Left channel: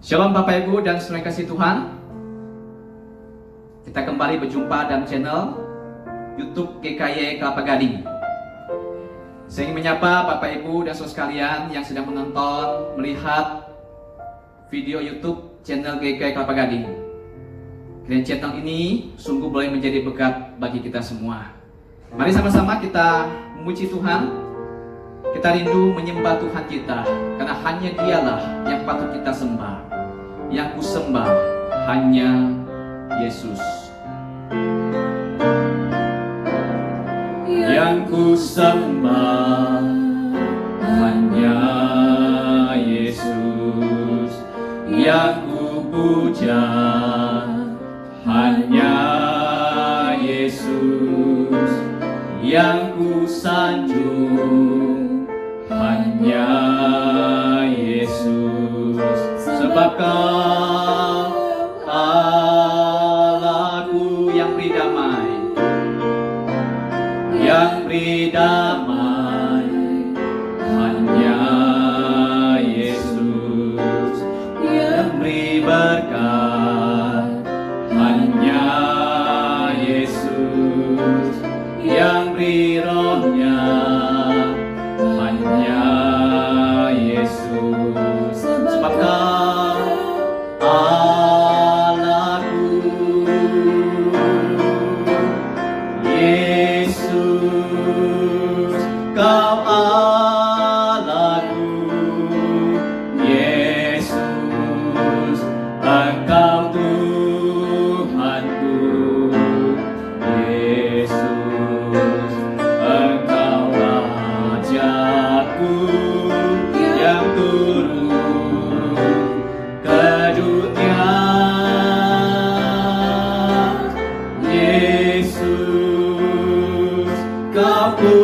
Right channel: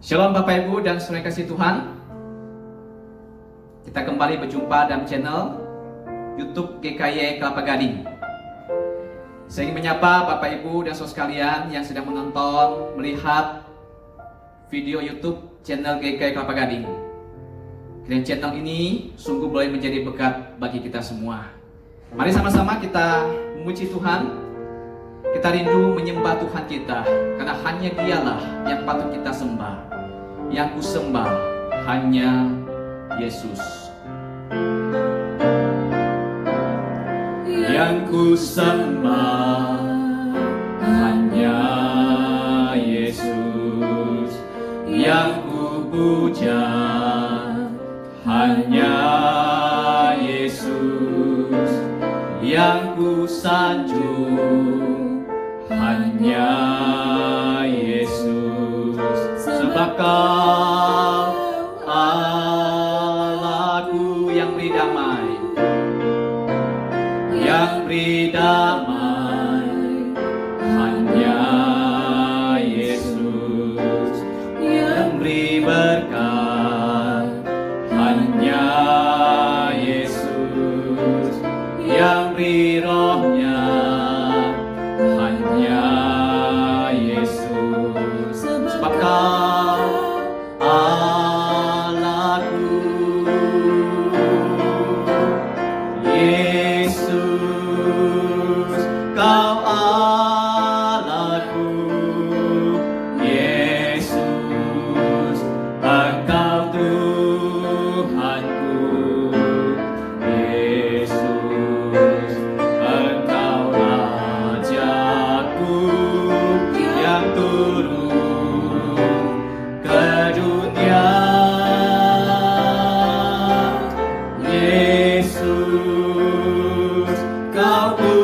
Shalom Bapak Ibu dan saudara kasih Tuhan. Kita kembali berjumpa dalam channel YouTube GKY Kelapa Gading. Saya ingin menyapa Bapak Ibu dan saudara sekalian yang sedang menonton, melihat video YouTube channel GKY Kelapa Gading. Dan channel ini sungguh boleh menjadi berkat bagi kita semua. Mari sama-sama kita memuji Tuhan. Kita rindu menyembah Tuhan kita, karena hanya Dialah yang patut kita sembah. Yang ku sembah hanya Yesus. Yang ku sembah hanya Yesus. Yang ku puja hanya Yesus. Yang ku sanjung hanya Yesus. Sebab Kau Allahku yang beri damai, yang beri damai hanya Yesus. Yang beri berkat hanya Yesus. Yang beri rohnya hanya Yesus. Sebab Kau Allahku, Yesus. Kau Allahku, Yesus. Engkau Tuhanku, Yesus. Engkau Rajaku yang turun ke dunia, Yesus. Kau ku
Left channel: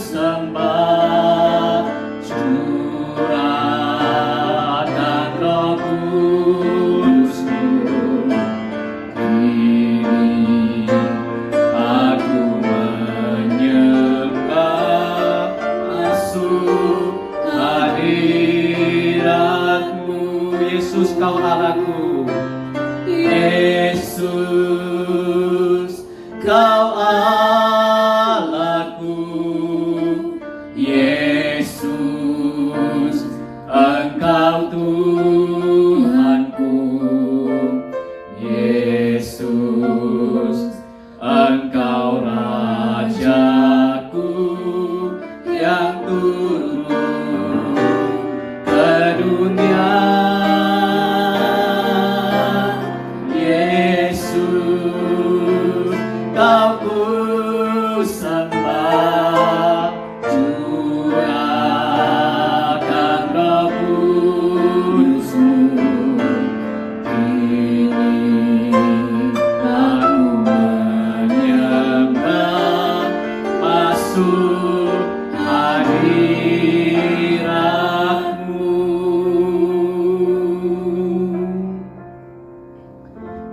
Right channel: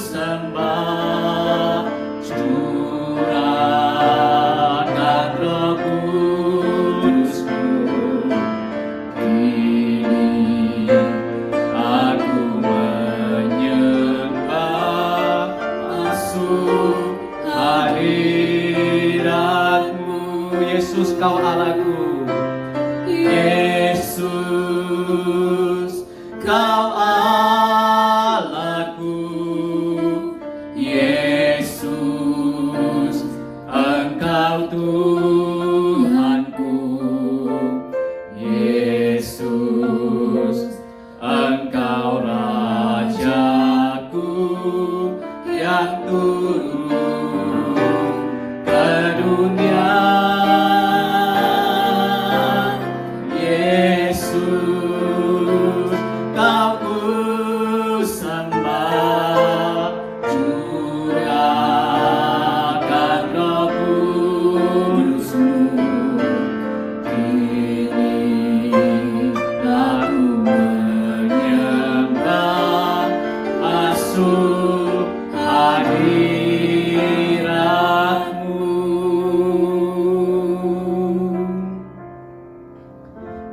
sembah, curahkan Roh Kudus-Mu. Kini aku menyembah, masuk hadirat-Mu. Yesus, Kau Allahku, Yesus. Kau Allahku, Yesus. Engkau Tuhanku, Yesus. Engkau Rajaku yang turun ke dunia, Yesus. Kau ku sembah, curahkan Roh Kudus-Mu. Kini aku menyembah, masuk hadirat-Mu.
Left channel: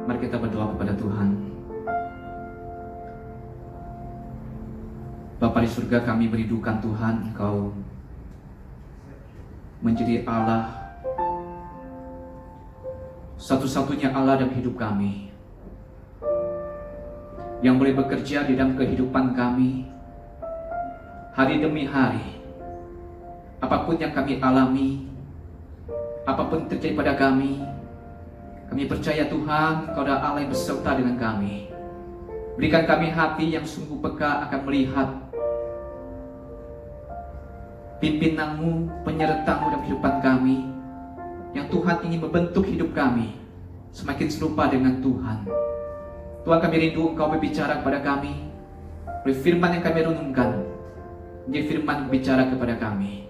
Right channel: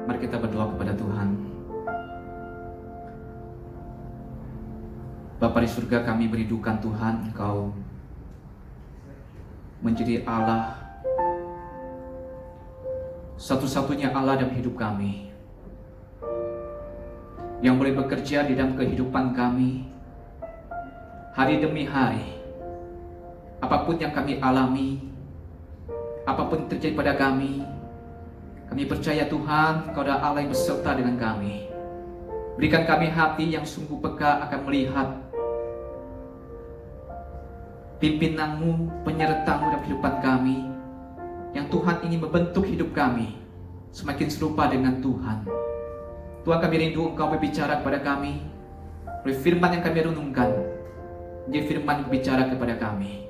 Mari kita berdoa kepada Tuhan. Bapa di surga, kami merindukan Tuhan, Engkau menjadi Allah, satu-satunya Allah dalam hidup kami, yang boleh bekerja di dalam kehidupan kami hari demi hari. Apapun yang kami alami, apapun terjadi pada kami percaya Tuhan, Engkau adalah Allah yang beserta dengan kami. Berikan kami hati yang sungguh peka akan melihat pimpinan-Mu, penyerta-Mu dalam kehidupan kami, yang Tuhan ingin membentuk hidup kami semakin serupa dengan Tuhan. Tuhan, kami rindu Engkau berbicara kepada kami, oleh firman yang kami renungkan, menjadi firman yang berbicara kepada kami.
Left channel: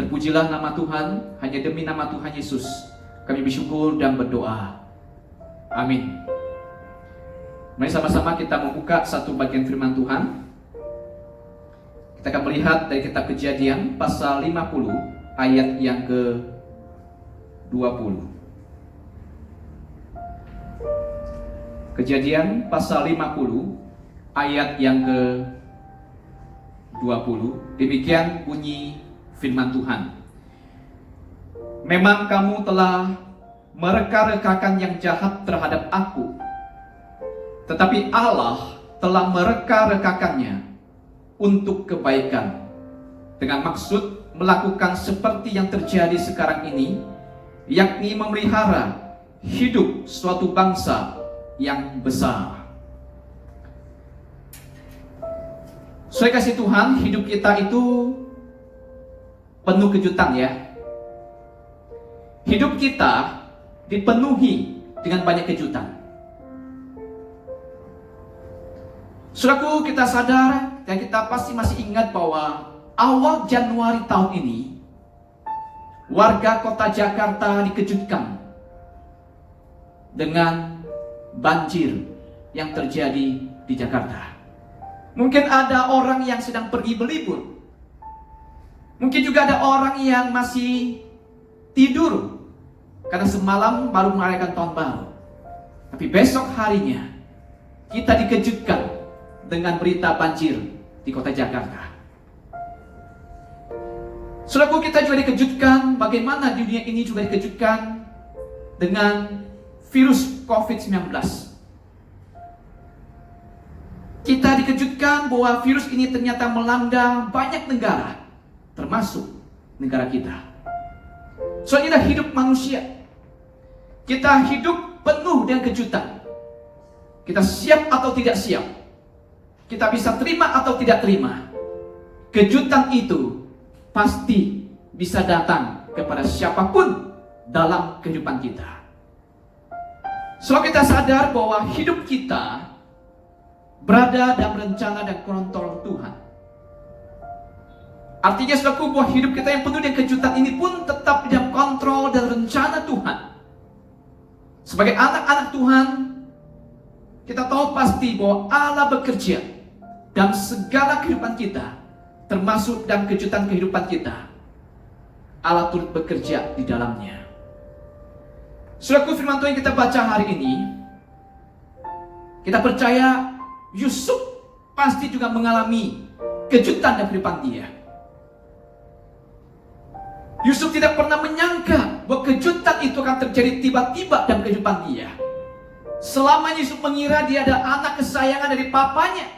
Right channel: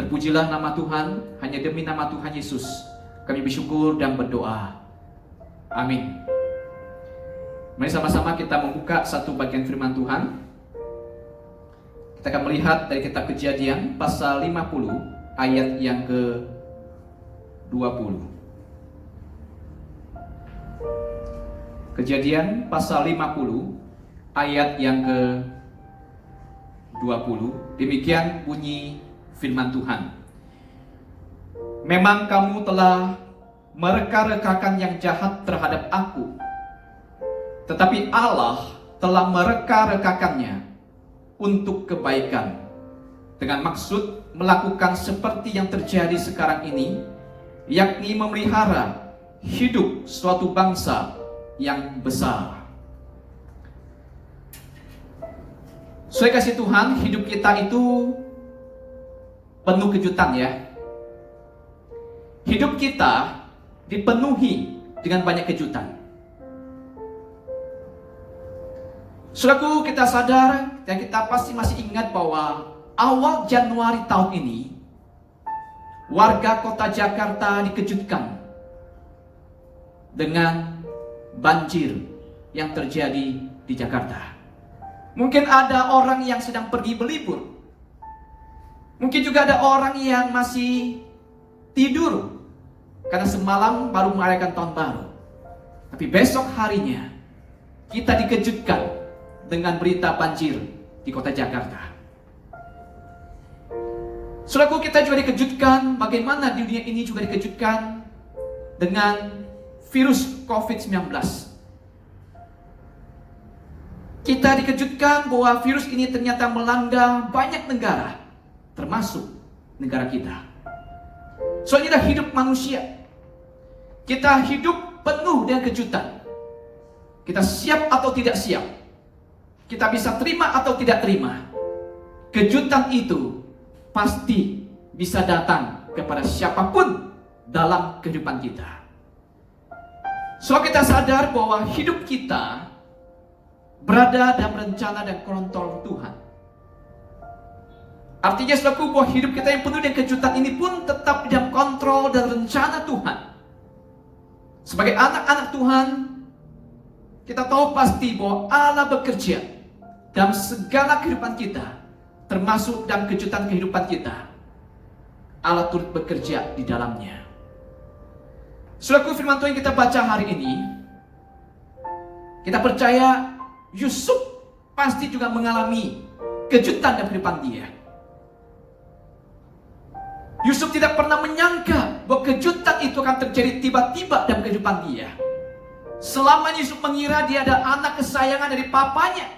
Terpujilah nama Tuhan, hanya demi nama Tuhan Yesus kami bersyukur dan berdoa. Amin. Mari sama-sama kita membuka satu bagian firman Tuhan. Kita akan melihat dari kitab Kejadian pasal 50 ayat yang ke-20. Kejadian pasal 50 ayat yang ke-20. Demikian bunyi firman Tuhan. memang kamu telah mereka-rekakan yang jahat terhadap aku, tetapi Allah telah mereka-rekakannya untuk kebaikan, dengan maksud melakukan seperti yang terjadi sekarang ini, yakni memelihara hidup suatu bangsa yang besar. Saya kasih Tuhan, hidup kita itu penuh kejutan ya. Hidup kita dipenuhi dengan banyak kejutan. Saudaraku, kita sadar dan kita pasti masih ingat bahwa awal Januari tahun ini, warga kota Jakarta dikejutkan dengan banjir yang terjadi di Jakarta. Mungkin ada orang yang sedang pergi berlibur. Mungkin juga ada orang yang masih tidur karena semalam baru merayakan tahun baru. Tapi besok harinya kita dikejutkan dengan berita banjir di kota Jakarta. Saudaraku, kita juga dikejutkan bagaimana dunia ini juga dikejutkan dengan virus COVID-19. Kita dikejutkan bahwa virus ini ternyata melanda banyak negara, termasuk negara kita. Soalnya hidup manusia, kita hidup penuh dengan kejutan. Kita siap atau tidak siap, kita bisa terima atau tidak terima. Kejutan itu pasti bisa datang kepada siapapun dalam kehidupan kita. So kita sadar bahwa hidup kita berada dalam rencana dan kontrol Tuhan. Artinya saudaraku, bahwa hidup kita yang penuh dengan kejutan ini pun tetap dalam kontrol dan rencana Tuhan. Sebagai anak-anak Tuhan, kita tahu pasti bahwa Allah bekerja dalam segala kehidupan kita, termasuk dalam kejutan kehidupan kita. Allah turut bekerja di dalamnya. Saudaraku, firman Tuhan yang kita baca hari ini, kita percaya Yusuf pasti juga mengalami kejutan dalam kehidupan dia. Yusuf tidak pernah menyangka bahwa kejutan itu akan terjadi tiba-tiba dalam kehidupan dia. Selama Yusuf mengira dia ada anak kesayangan dari papanya,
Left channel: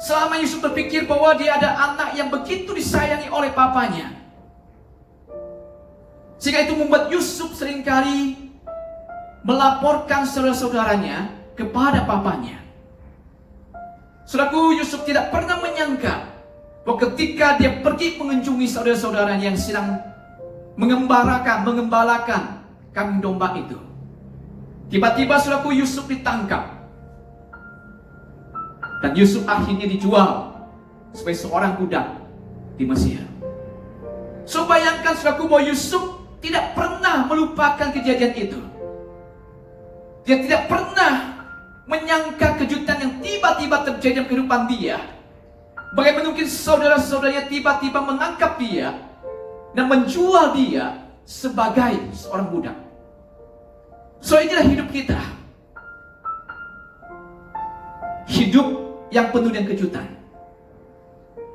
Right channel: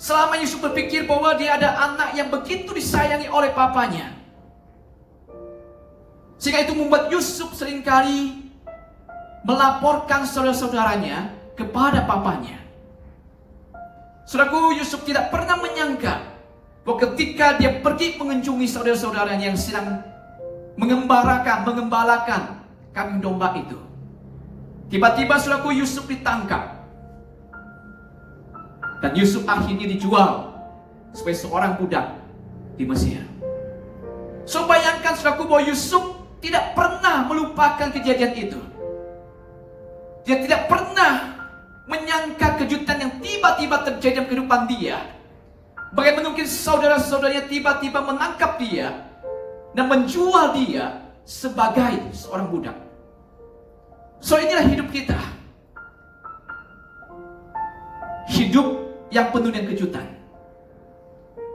selama Yusuf berpikir bahwa dia ada anak yang begitu disayangi oleh papanya, sehingga itu membuat Yusuf seringkali melaporkan saudara-saudaranya kepada papanya. Saudaraku, Yusuf tidak pernah menyangka bahwa ketika dia pergi mengunjungi saudara-saudaranya yang sedang mengembalakan kambing domba itu, tiba-tiba saudaraku, Yusuf ditangkap. Dan Yusuf akhirnya dijual sebagai seorang budak di Mesir. So bayangkan saudaraku bahwa Yusuf tidak pernah melupakan kejadian itu. Dia tidak pernah menyangka kejutan yang tiba-tiba terjadi dalam kehidupan dia. Bagaimana mungkin saudara-saudaranya tiba-tiba menangkap dia dan menjual dia sebagai seorang budak. So inilah hidup kita. Hidup yang penuh dengan kejutan.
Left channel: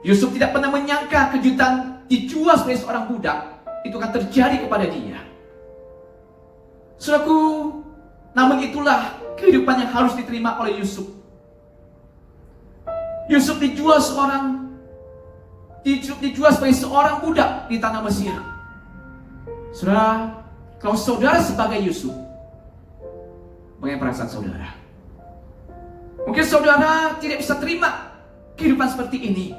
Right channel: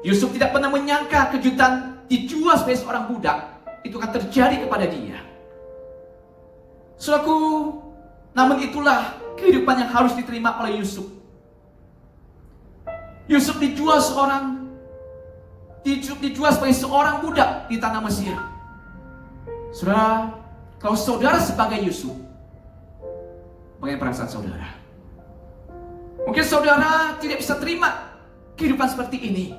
Yusuf tidak pernah menyangka kejutan dijual sebagai seorang budak itu akan terjadi kepada dia. Saudaraku, namun itulah kehidupan yang harus diterima oleh Yusuf. Yusuf dijual sebagai seorang budak di tanah Mesir. Saudara, kalau saudara sebagai Yusuf, bagaimana perasaan saudara? Mungkin saudara tidak bisa terima kehidupan seperti ini.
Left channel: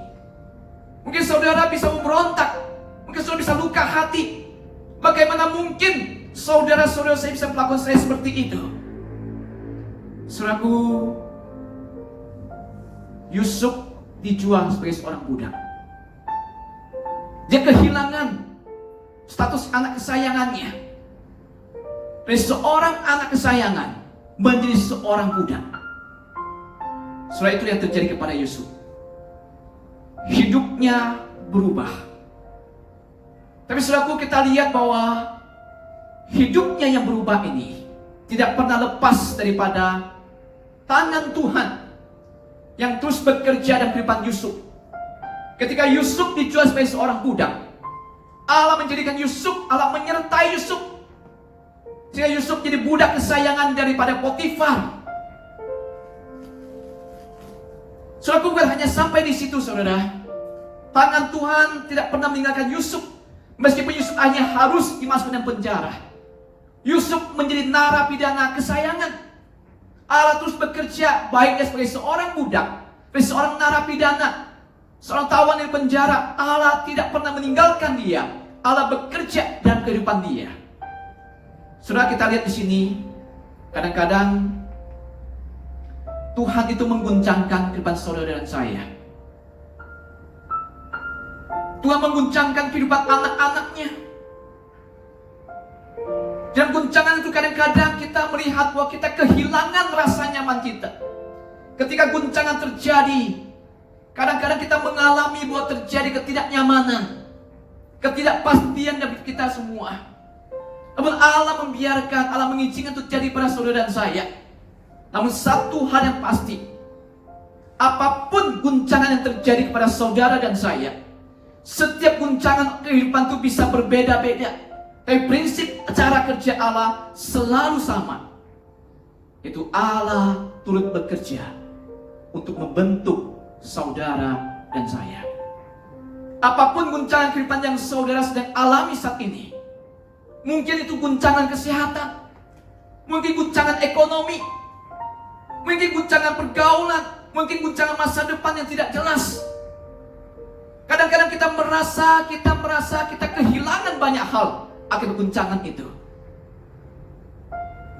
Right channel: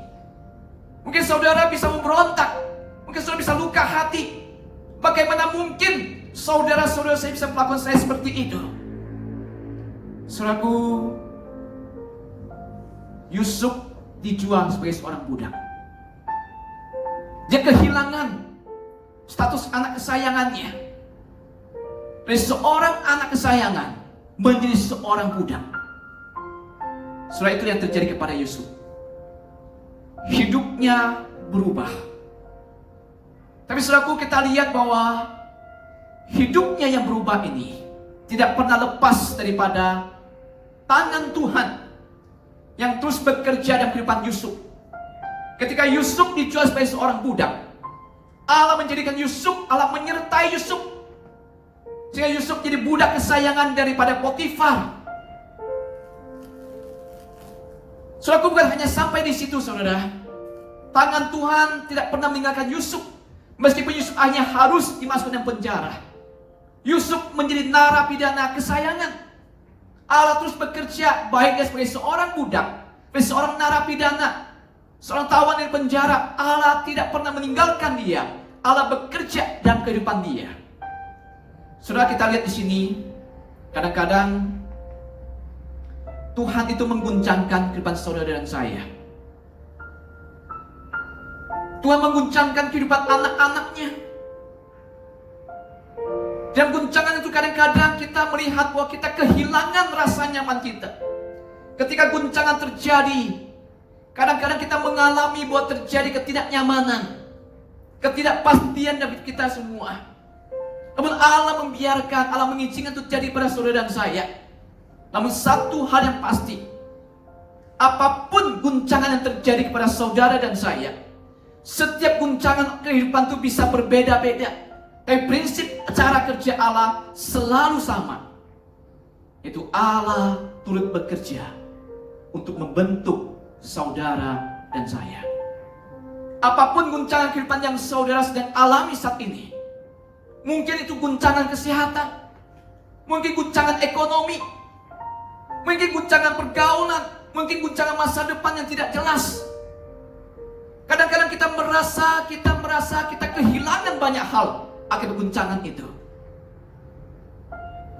Mungkin saudara bisa memberontak. Mungkin saudara bisa luka hati. Bagaimana mungkin saudara-saudara saya bisa melakukan saya seperti itu? Saudaraku, Yusuf dijual sebagai seorang budak. Dia kehilangan status anak kesayangannya. Dari seorang anak kesayangan menjadi seorang budak. Saudara, itu yang terjadi kepada Yusuf. Hidupnya berubah. Tapi saudaraku, kita lihat bahwa hidupnya yang berubah ini tidak pernah lepas daripada tangan Tuhan yang terus bekerja dalam kehidupan Yusuf. Ketika Yusuf dijual sebagai seorang budak, Allah menjadikan Yusuf, Allah menyertai Yusuf, sehingga Yusuf jadi budak kesayangan daripada Potifar. Saudara, bukan hanya sampai di situ, saudara. Tangan Tuhan tidak pernah meninggalkan Yusuf. Meskipun Yusuf hanya harus dimasukkan dalam penjara, Yusuf menjadi narapidana kesayangan. Allah terus bekerja, baik dia sebagai seorang budak, sebagai seorang narapidana, seorang tawanan di penjara. Allah tidak pernah meninggalkan dia. Allah bekerja dalam kehidupan dia. Saudara, kita lihat di sini, kadang-kadang Tuhan itu mengguncangkan kehidupan saudara dan saya. Tuhan mengguncangkan kehidupan anak-anaknya. Dan guncangan itu kadang-kadang kita melihat bahwa kita kehilangan rasa nyaman kita. Ketika guncangan terjadi, kadang-kadang kita mengalami bahwa terjadi ketidaknyamanan, ketidakpastian dalam kita semua. Namun Allah membiarkan, Allah mengizinkan itu terjadi pada saudara dan saya. Namun satu hal yang pasti, apapun guncangan yang terjadi kepada saudara dan saya, setiap guncangan kehidupan itu bisa berbeda-beda. Tapi prinsip cara kerja Allah selalu sama. Itu Allah turut bekerja untuk membentuk saudara dan saya. Apapun guncangan kehidupan yang saudara sedang alami saat ini, mungkin itu guncangan kesehatan, mungkin guncangan ekonomi, mungkin guncangan pergaulan, mungkin guncangan masa depan yang tidak jelas. Kadang-kadang kita merasa kita kehilangan banyak hal akibat guncangan itu.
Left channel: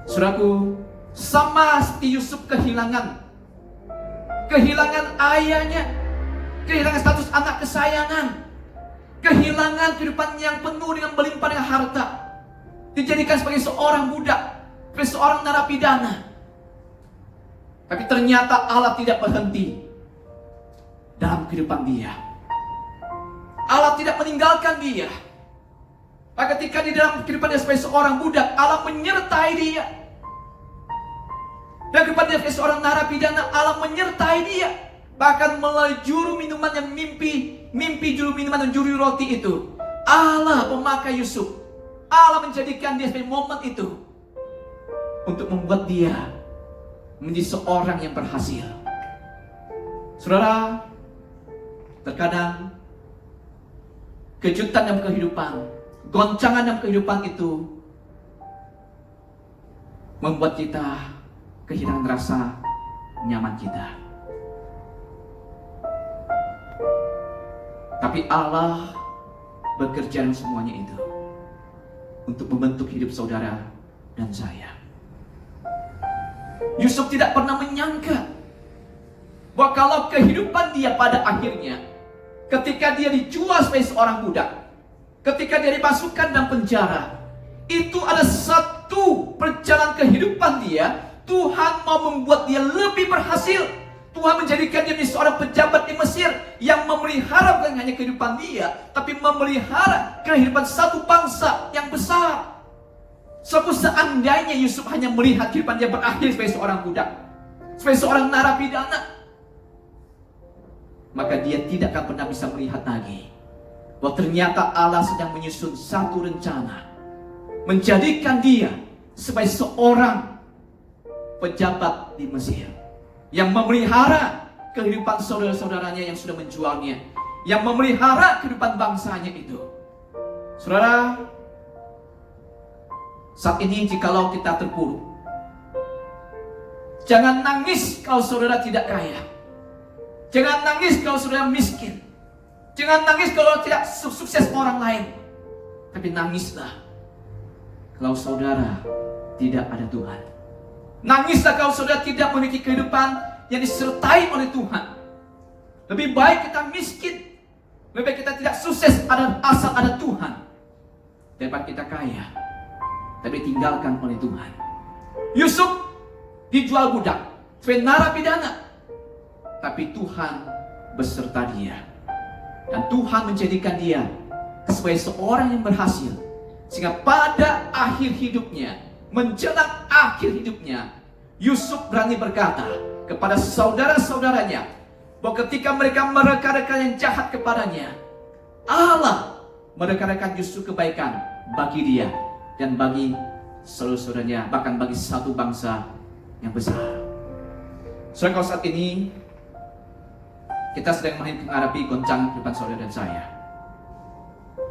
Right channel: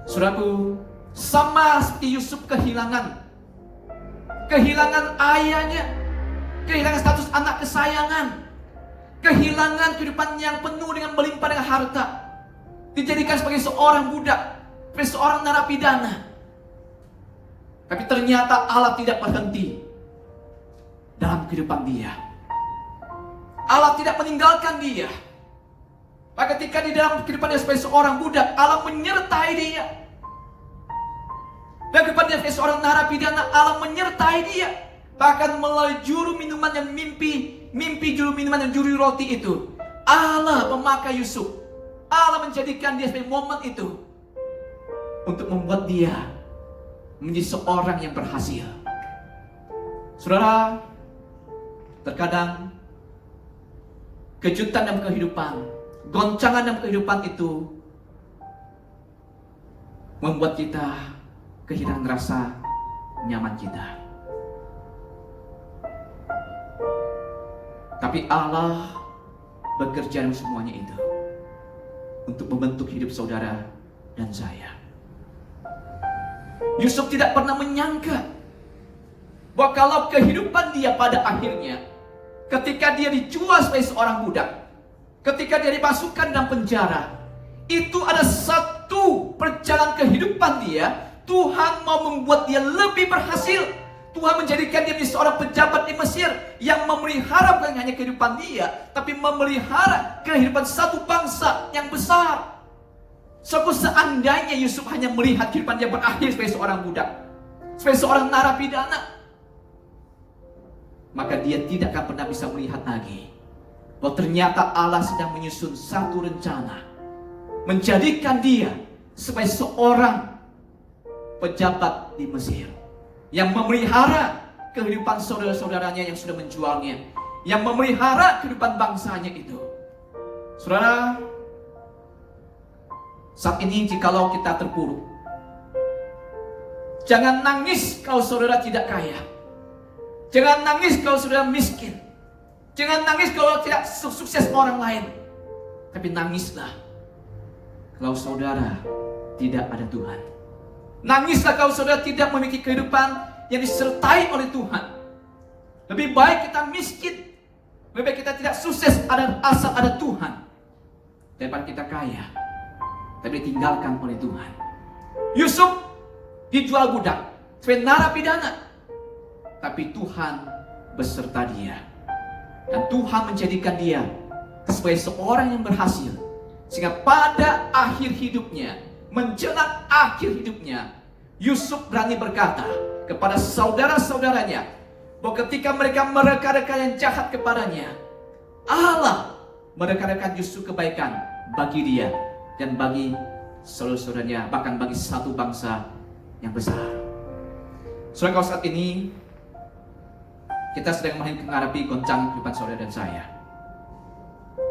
Saudaraku, sama seperti Yusuf kehilangan ayahnya, kehilangan status anak kesayangan, kehilangan kehidupan yang penuh dengan melimpah dengan harta, dijadikan sebagai seorang budak, sebagai seorang narapidana. Tapi ternyata Allah tidak berhenti dalam kehidupan dia. Allah tidak meninggalkan dia. Maka ketika di dalam kehidupan dia sebagai seorang budak, Allah menyertai dia. Dan kehidupan dia sebagai seorang narapidana, Allah menyertai dia. Bahkan melalui juru minuman yang mimpi juru minuman dan juru roti itu, Allah memakai Yusuf. Allah menjadikan dia sebagai momen itu untuk membuat dia menjadi seorang yang berhasil. Saudara, terkadang kejutan dalam kehidupan, goncangan dalam kehidupan itu membuat kita kehilangan rasa nyaman kita. Tapi Allah bekerja dalam semuanya itu untuk membentuk hidup saudara dan saya. Yusuf tidak pernah menyangka bahwa kalau kehidupan dia pada akhirnya, ketika dia dijual sebagai seorang budak, ketika dia dimasukkan dalam penjara, itu ada satu perjalanan kehidupan dia. Tuhan mau membuat dia lebih berhasil. Tuhan menjadikan dia menjadi seorang pejabat di Mesir yang memelihara bukan hanya kehidupan dia, tapi memelihara kehidupan satu bangsa yang besar. Seandainya Yusuf hanya melihat kehidupan dia berakhir sebagai seorang budak, sebagai seorang narapidana, maka dia tidak akan pernah bisa melihat lagi bahwa ternyata Allah sedang menyusun satu rencana menjadikan dia sebagai seorang pejabat di Mesir yang memelihara kehidupan saudara-saudaranya yang sudah menjualnya, yang memelihara kehidupan bangsanya itu. Saudara, saat ini jikalau kita terpuruk, jangan nangis kalau saudara tidak kaya. Jangan nangis kalau saudara miskin. Jangan nangis kalau tidak sukses orang lain. Tapi nangislah kalau saudara tidak ada Tuhan. Nangislah kalau saudara tidak memiliki kehidupan yang disertai oleh Tuhan. Lebih baik kita miskin, lebih baik kita tidak sukses asal ada Tuhan, daripada kita kaya tapi ditinggalkan oleh Tuhan. Yusuf dijual budak sebagai narapidana, tapi Tuhan beserta dia. Dan Tuhan menjadikan dia sebagai seorang yang berhasil. Sehingga pada akhir hidupnya, menjelang akhir hidupnya, Yusuf berani berkata kepada saudara-saudaranya bahwa ketika mereka mereka-reka yang jahat kepadanya, Allah merekarkan justru kebaikan bagi dia dan bagi saudara-saudaranya, bahkan bagi satu bangsa yang besar. Saudara, kalau saat ini kita sedang menghadapi goncangan kehidupan saudara dan saya,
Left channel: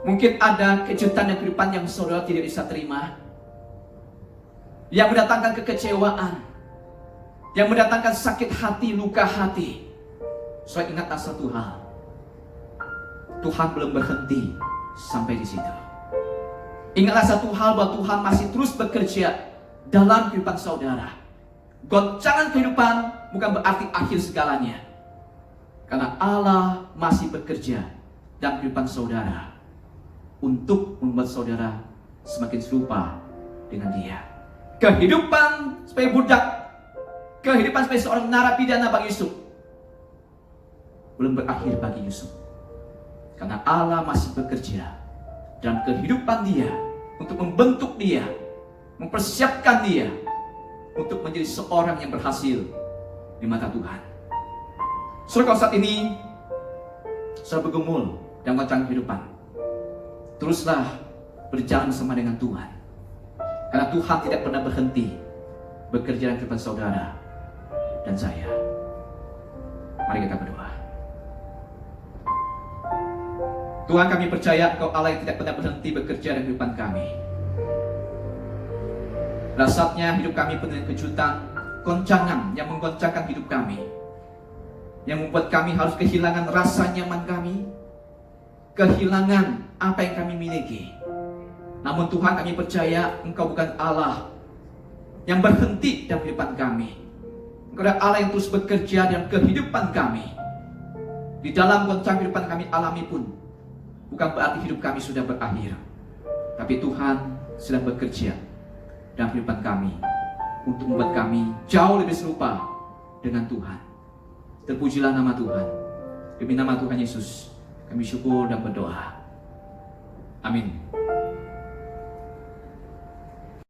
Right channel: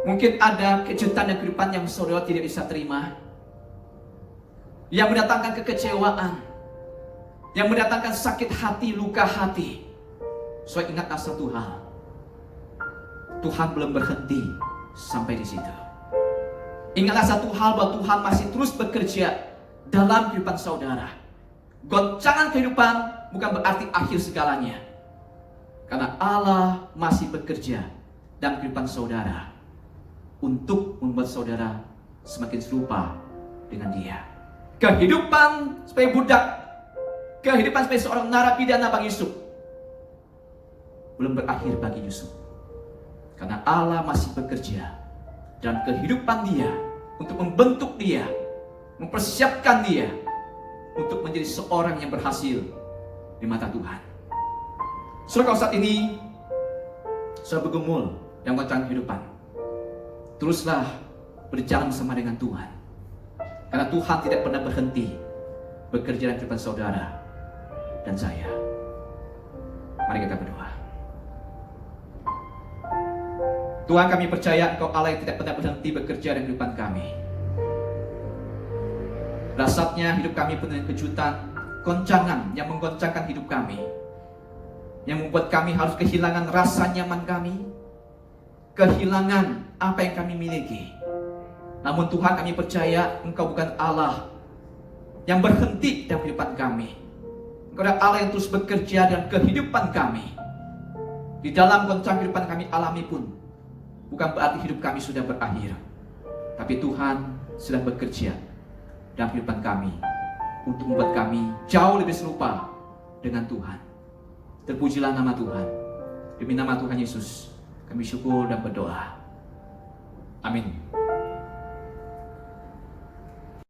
mungkin ada kejutan dan kehidupan yang saudara tidak bisa terima, yang mendatangkan kekecewaan, yang mendatangkan sakit hati, luka hati. Saudara, ingatlah satu hal, Tuhan belum berhenti sampai di situ. Ingatlah satu hal, bahwa Tuhan masih terus bekerja dalam kehidupan saudara. Goncangan kehidupan bukan berarti akhir segalanya, karena Allah masih bekerja dalam kehidupan saudara untuk membuat saudara semakin serupa dengan Dia. Kehidupan sebagai budak, kehidupan sebagai seorang narapidana bagi Yusuf belum berakhir bagi Yusuf, karena Allah masih bekerja dalam kehidupan dia untuk membentuk dia, mempersiapkan dia untuk menjadi seorang yang berhasil di mata Tuhan. Saudara, kalau saat ini saudara bergumul dalam goncangan kehidupan, teruslah berjalan bersama dengan Tuhan, karena Tuhan tidak pernah berhenti bekerja dalam kehidupan saudara dan saya. Mari kita berdoa. Tuhan, kami percaya Engkau Allah yang tidak pernah berhenti bekerja dalam kehidupan kami. Dasarnya hidup kami penuh dengan kejutan, goncangan yang menggoncangkan hidup kami, yang membuat kami harus kehilangan rasa nyaman kami, kehilangan apa yang kami miliki. Namun Tuhan, kami percaya Engkau bukan Allah yang berhenti dalam kehidupan kami. Engkau adalah Allah yang terus bekerja dalam kehidupan kami. Di dalam goncangan kehidupan kami alami pun bukan berarti hidup kami sudah berakhir, tapi Tuhan sedang bekerja dalam kehidupan kami untuk membuat kami jauh lebih serupa dengan Tuhan. Terpujilah nama Tuhan. Demi nama Tuhan Yesus kami syukur dan berdoa.